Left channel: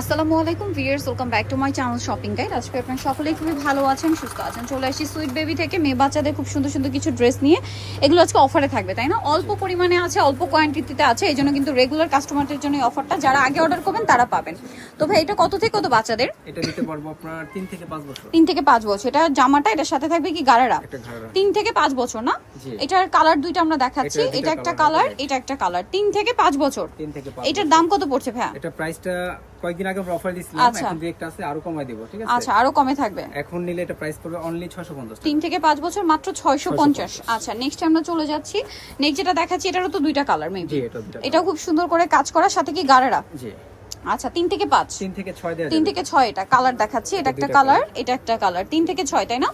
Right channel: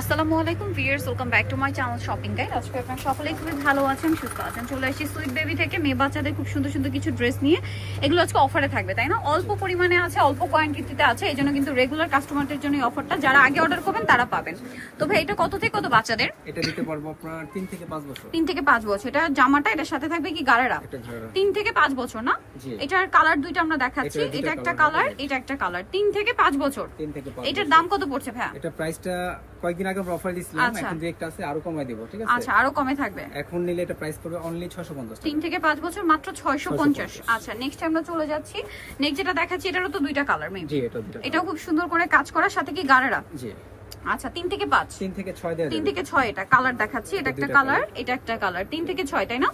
আসসালামু আলাইকুম viewers, welcome back to my channel shopping guide. আজকে আপনারা সকলেই খুবই ভালো আছেন, সুস্থ আছেন। চলে আসি সুইট বেবি থেকে মেয়ে বাচ্চাদের খুব সুন্দর সুন্দর কিছু ড্রেস নিয়ে। এগুলো আজকে অফারে থাকবে, তাই না? অল্প পরিমাণে আছে, অল্প কোয়ান্টিটিতে আছে, এই জন্য কিন্তু রেগুলার কাস্টমারদের জন্য এই অফারটা। যারা আগে অর্ডার করবেন তারা পাবেন। তো ভাই এটা কত থেকে কত বাচ্চাদের? এটা দিতে পারবো আপনার 3 থেকে 5 বছর। 3 থেকে 5 বছর। এটা জামাটা, এটার সাথে থাকবে কি গারারা? 3 থেকে 5 বছর না? এটার কালার দুইটা আমরা দেখাচ্ছি। এটা একটা কালার, এটা একটা কালার। 3 থেকে 5 বছর। 3 থেকে 5। এটার দাম কত পড়ছে ভাই? এটা প্রাইসটা কয়েকদিন আগে অফার দিছিলাম, এখন দুই একটা আছে, আরো কমাই দেব, ঠিক আছে? আচ্ছা, আরো কমে থাকবে। এখন নিলে এটা প্রাইস পড়বে অনলি 650 টাকা। 3 থেকে 5 বছর মাত্র 650। আচ্ছা, নেক্সট আমরা চলে যাচ্ছি। নেক্সট যেটা দেখাচ্ছি এটারও তো দুইটা কালার মেবি। জি, এটা দুইটা। এটাও খুব সুন্দর করে কাজ করা, সাথে কি গারারা? জি। আচ্ছা, 3 থেকে 5। 3 থেকে 6 দেয়া যাবে। 3 থেকে 6 এটা কালার দেখাচ্ছি। এটা একটা কালার, এটা একটা কালার। 3 থেকে 6, তাই না?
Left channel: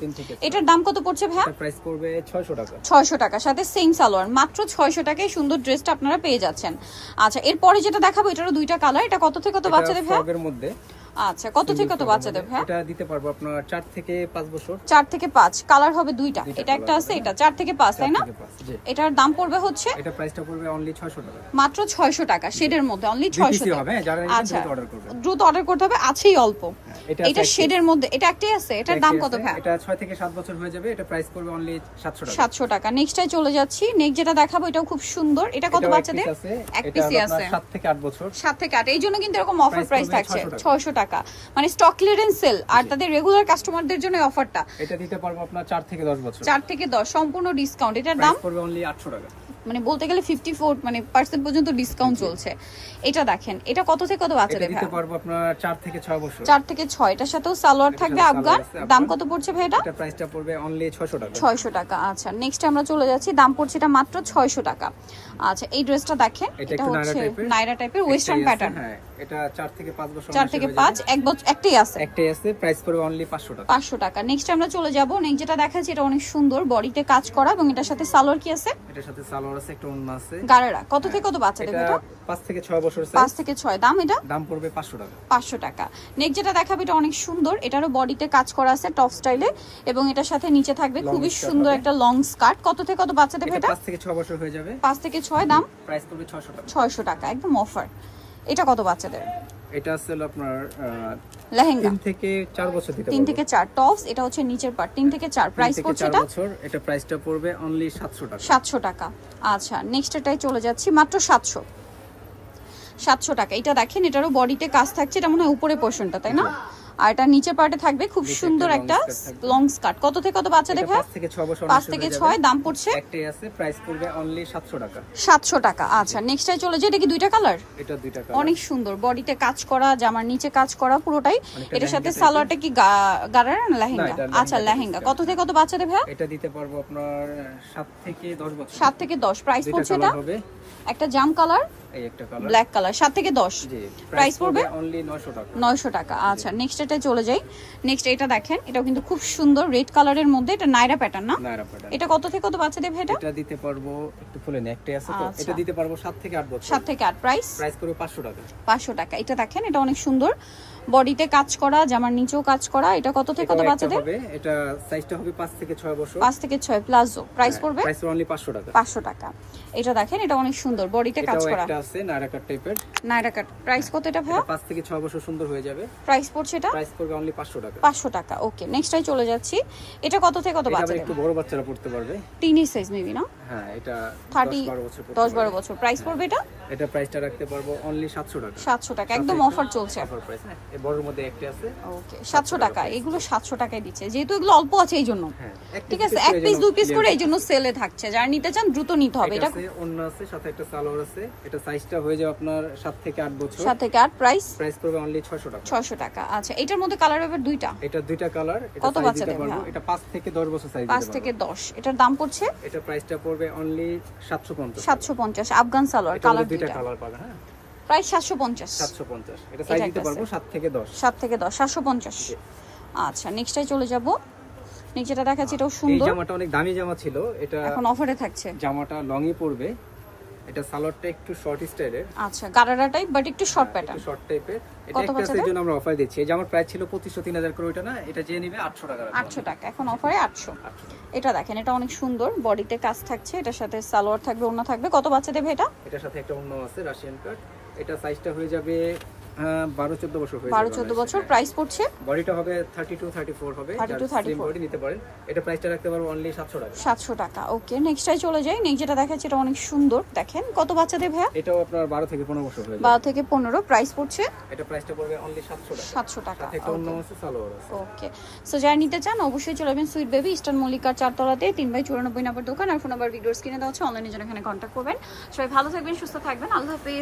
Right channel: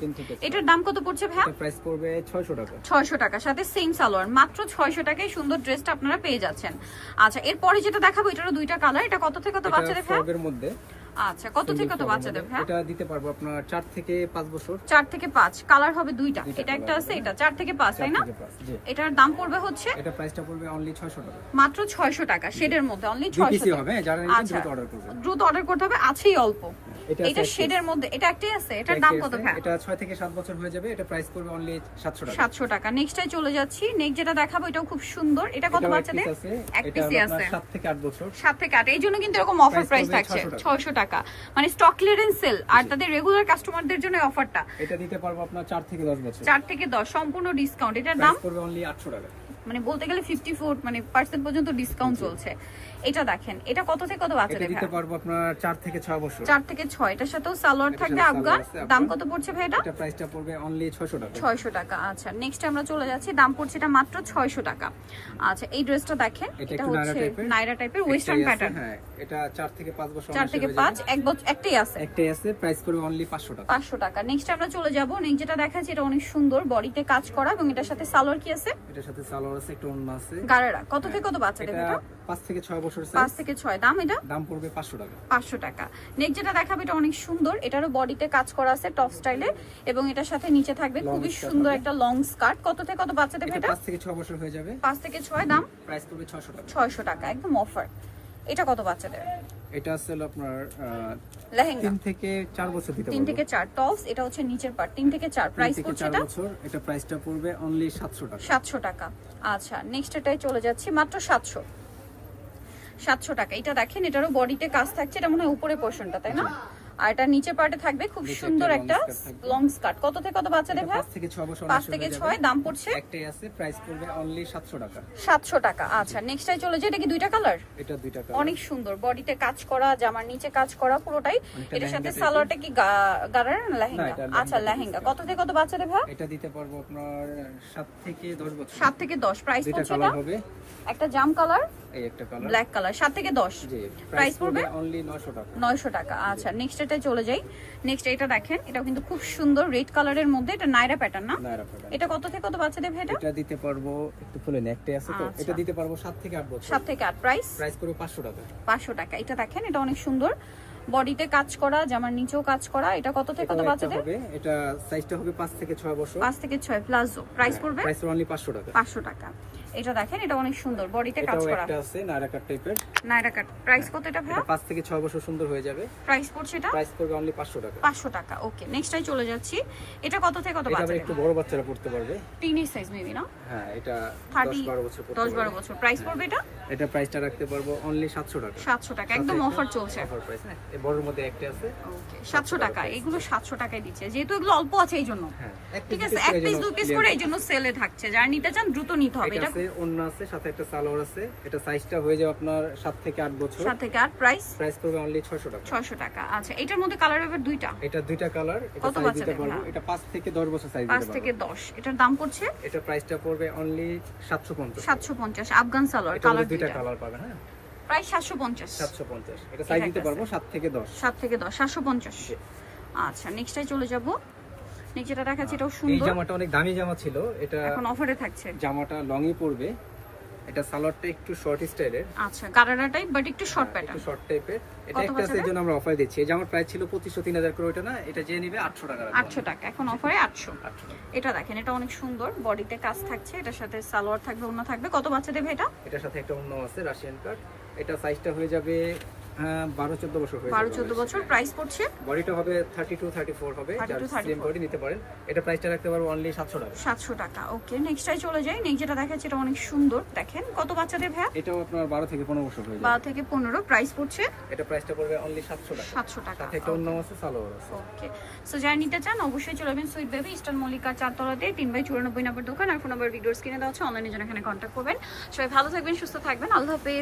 এটার দাম কত পড়ছে ভাই? এটা প্রাইস পড়বে 600 টাকা। 600 টাকা, সাথে সেম সালোয়ার। মাত্র 600 টাকায় সুন্দর ড্রেসটা আপনারা পেয়ে যাচ্ছেন। আচ্ছা, এরপরে যেটা দেখাবো এটারও দুইটা কালার। এটা কত থেকে কত বাচ্চাদের ভাই? ফ্রকের মধ্যে। আচ্ছা, কত থেকে কত বাচ্চাদের ভাই? এটা দিতে পারবো আপনার 4 থেকে 5 বছর। 4 থেকে 5 কালার হবে দুইটা। এটা একটা আছে, এটা 4 থেকে 5, তাই না? এটার দাম পড়বে হচ্ছে, এটা প্রাইসটা পড়বে অনলি 600 টাকা। মাত্র 600 টাকা, শেডের মধ্যে অনলি 600 টাকা হবে। যারা নিবেন দ্রুত অর্ডার করবেন। দ্রুত অর্ডার করতে হবে, আছেই অল্প। এটা শেডের মধ্যে, এটা একটাই আছে। এটার দাম কত ভাই? এটা 6 থেকে 7 বছর হয়ে যাবে। এটা প্রাইস পড়বে অনলি 700 টাকা। 700 টাকা। নেক্সটটাই চলে যাচ্ছি। নেক্সট যেটা দেখাবো এটাও খুব সুন্দর। এটা কত বাচ্চাদের? এক পিসি আছে। 7 থেকে 8 বছর। 7 থেকে 8, এই জন্য কিন্তু এরকম অফার প্রাইস থাকছে 600 টাকা। মানে স্টক ক্লিয়ারেন্স সেল, আর তাদের রেগুলার কাস্টমারদের জন্য অফারটা। এটা দিতে পারবো আপনার 4 থেকে 10 বছর। 4 থেকে 10 সম্পূর্ণ ডিসকাউন্ট। এটার দাম পড়বে অনলি 800 টাকা। মানে বলতে গেলে 54 মানে % পর্যন্ত ডিসকাউন্ট চলছে। এটা দেখেন, এটা কত থেকে কত বাচ্চাদের? এটা দিতে পারবো আপনার 4 থেকে 6 বছর। 4 থেকে 6, এটার সাথেও সালোয়ার থাকবে আফগান। দাম কত পড়ছে ভাই এটা? এটা প্রাইসটা পড়বে অনলি 600 টাকা। 600 টাকা। আচ্ছা, নেক্সট আমরা চলে যাচ্ছি। দাম পড়ছে এটা মাত্র 600 টাকা। আচ্ছা, এই ড্রেসটা দেখেন, এটা একটু নাইরা টাইপের ওয়েস্টার্ন প্যাটার্ন। হ্যাঁ, এটা 4 থেকে 5 বছর। 4 থেকে 5, এক বছর একটাই আছে। একটাই আছে, প্রাইস পড়বে অনলি 500 টাকা। 500 টাকা। নেক্সট আমরা চলে যাব। নেক্সট যেটা দেখাচ্ছি এটা অনেক সুন্দর, বডিতে কাজ করা, এবং এটার সাথে সালোয়ার কি আছে? এটার সাথে সালোয়ার আছে, একটা ওড়না আছে। গারারা কত থেকে কত বাচ্চাদের? এটা 5 থেকে 6 বছর সাইজ। 5 থেকে 6। দাম এটা? দাম পড়বে 500 টাকা। 500 টাকা। নেক্সট যেটা দেখাবো এটা অনেক সুন্দর। এটারও বডিতে কাজ করা আছে টপ স্টাইলে, এবং এটার সাথে নিচে থাকবে খুবই সুন্দর একটা লং স্কার্ট। কত থেকে কত বাচ্চাদের এটা? 5 থেকে 6 বছর হয়ে যাবে। 5 থেকে 6। দাম প্রাইস পড়বে 600 টাকা। 600 টাকা, একদম অফার। এটা কত বাচ্চাদের? এটা আছে আপনার লেহেঙ্গা। 3 থেকে 4 বছর দিতে পারবো। 3 থেকে 4 টপস। এটা হচ্ছে নিচের পার্ট। 3 থেকে 4 প্রাইস পড়ছে এটা? 4 বছর। এটা প্রাইসটা পড়বে অনলি 700 টাকা। 700 টাকা। আচ্ছা, নেক্সট এটাই চলে যাচ্ছি। মাত্র 700 টাকা। এটা দেখেন, এটারও বডিতে কাজ থাকছে। এটা মনে হয় উপরে পোরশনটা, তাই না? আর এটা নিচের পার্টে থাকবে খুব সুন্দর একটা লং স্কার্ট। কত থেকে কত বাচ্চা দেখা? 5 থেকে 6 বছর। 5 থেকে 6। দাম পড়ছে একটাই আছে, প্রাইস পড়বে অনলি 700 টাকা। 700 টাকা। আচ্ছা, নেক্সটটাই চলে যায়। এটা কি দুইটা কালার? এটা দুইটা কালার। অনেক সুন্দর, বডিতে কাজ করা, জামার নিচে কাজ করা পুরোটাই। এটার সাথে সালোয়ারটা কি গারারা না লেহেঙ্গা? আচ্ছা, লেহেঙ্গা। কত থেকে কত বাচ্চাদের ভাই? এটা দিতে পারবো আপনার 7 থেকে 10 বছর। 7 থেকে 10। প্রাইস পড়ছে এটা হবে একটা জাম কালার, এই একটা কালার, ব্ল্যাক কালার। 7 থেকে 10। জি, প্রাইস পড়বে অনলি 900 টাকা। 900 টাকা। আচ্ছা, নেক্সট এটা চলে যাই। নেক্সট এটা দেখেন, এটাও কিন্তু খুব সুন্দর রেড কালারের মধ্যে। এটা নাইরা প্যাটার্ন না? নাইরা প্যাটার্ন। এটা কত থেকে কত বাচ্চাদের ভাই এটা? এটা দিতে পারবো একটু ফুলে নেকটাই আছে তো। এটা দিতে পারবো 7 থেকে 8 বছর। 7 থেকে 8। প্রাইস পড়বে 500 টাকা। 500 টাকা। এটা দেখেন, এটা অনেক সুন্দর, বডিতে কাজ করা, জামার নিচেও কাজ করা। এটা কত থেকে কত বাচ্চাদের হবে? এটা সাইজটা হবে 5 থেকে 6 বছর। 5 থেকে 6 প্লাজো। প্রাইস পড়বে? প্রাইস অনলি 500 টাকা। 500 টাকা। এটা দেখেন, এটা অনেক সুন্দর, বডিতে কাজ করা। এটা একটা আছে নাইরা কাট টাইপের। নাইরা কাট। প্রাইস কত এটা ভাই? এটা 5 থেকে 6 বছর সুন্দর হয়ে যাবে। প্রাইস পড়ছে এটা? প্রাইস পড়বে অনলি 500 টাকা। 500 টাকা। ওকে, নেক্সটটাই চলে যাচ্ছি। এটা কত থেকে কত বাচ্চাদের? এটা একটু বড় বাচ্চারা পড়তে পারবে। টিনি সাইজ মেবি না? হ্যাঁ, এটা 10-12 বছর পড়তে পারবে। 10-12 বছর। প্রাইস পড়বে এটা? এটা প্রাইসটা রাখতে পারবো অনলি 700 টাকা। 700 টাকা, একদম অফার চলছে। অফার প্রাইস না, এই বড়র মধ্যে একটা আছে। ওকে, 700 টাকা। এগুলো 700 টাকায় দিচ্ছে, যেহেতু এগুলো অল্প আছে এই জন্য। হ্যাঁ, ঠিক আছে, এক পিস দুই পিস করে এই জন্য সেলে থাকছে। যারা নিতে চান দ্রুত নিতে হবে। এটা আছে, অন্য আছে, সাথে একটা সালোয়ার আছে। এটা সাইজটা হয়ে যাবে আপনার 7 থেকে 8 বছর। 7 থেকে 8। প্রাইস পড়বে অনলি 600 টাকা। 600 টাকা। আচ্ছা, এটার মধ্যে কালার হবে দুইটা। এটা দুইটা কালার। এটা কত সাইজ দিতে পারবো। এটা 5 থেকে 10 বছর সাইজ দিতে পারবো। 5 থেকে 10। এটার দাম পড়ছে? এটা প্রাইসটা পড়বে অনলি 750। 750। আফগান সালোয়ার কালার দুইটা কালার পাবে। হ্যাঁ, প্রাইস 750। 750। এটা সাইজ দিতে পারবো 7 থেকে 10। 7 থেকে 10, 750। আচ্ছা, নেক্সটটাই চলে যাব। নেক্সট যেটা দেখাচ্ছি এটাও সুন্দর। এই জামাটা অনেক দামি জামা ছিল, এটা এখন অফারে থাকছে। জামাটা লংই পড়বে। এটা সালোয়ারটা একটু শর্ট স্টাইলের। আচ্ছা, গারারা টাইপ বাট একটু শর্ট প্যাটার্ন, একটু শর্ট টাইপের। এটা একটা আছে, জন্য আমরা অফার দিচ্ছি। এই জামার প্রাইস ছিল 2500-3000 করে, ওটা না, এটা যে নেবে 800 টাকা। 800 টাকা, এখন অফারে 800। এটা দেখেন, এটা অনেক সুন্দর, বডিতে কাজ থাকছে, এটার সাথে সালোয়ার থাকবে, ওড়না থাকবে। কত বাচ্চাদের ভাই এটা? এটার সাথে একটা ওড়না আছে রাশিয়ান কাট। এটা সাইজটা হয়ে যাবে 12-14 বছর হয়ে যাবে। 12-14 বছর। প্রাইস পড়ছে বডিটা হবে 32-34 হবে, যার সেম বডি নিতে পারেন। এটা প্রাইসটা রাখতে পারবো অনলি 700 টাকা। 700 টাকা। ওকে, নেক্সটটাই চলে যাই। নেক্সট যেটা দেখাচ্ছি এটা অনেক সুন্দর, দেখেন কত বাচ্চাদের ভাইয়া? এটাও আপনার 12 থেকে 15 বছর হয়ে যাবে। 12 থেকে 15। প্রাইস পড়ছে এটা প্রাইসটা পড়বে অনলি 700 টাকা। 700 টাকা। সাথে একটা অন্য আছে, সালোয়ার আছে। ওকে, সো যারা নিতে চান অবশ্যই চলে যাবেন সুইট বেবি, ইস্টার্ন মল্লিকার 4 তলাতে 3/94 নম্বর দোকান। আর ফোন নাম্বার ভিডিওর স্ক্রিনে দেওয়া আছে, অনলাইনে জন্য এখানে কন্ট্যাক্ট করবেন। সবাই ভালো থাকবেন, সুস্থ থাকবেন, আল্লাহ হাফেজ।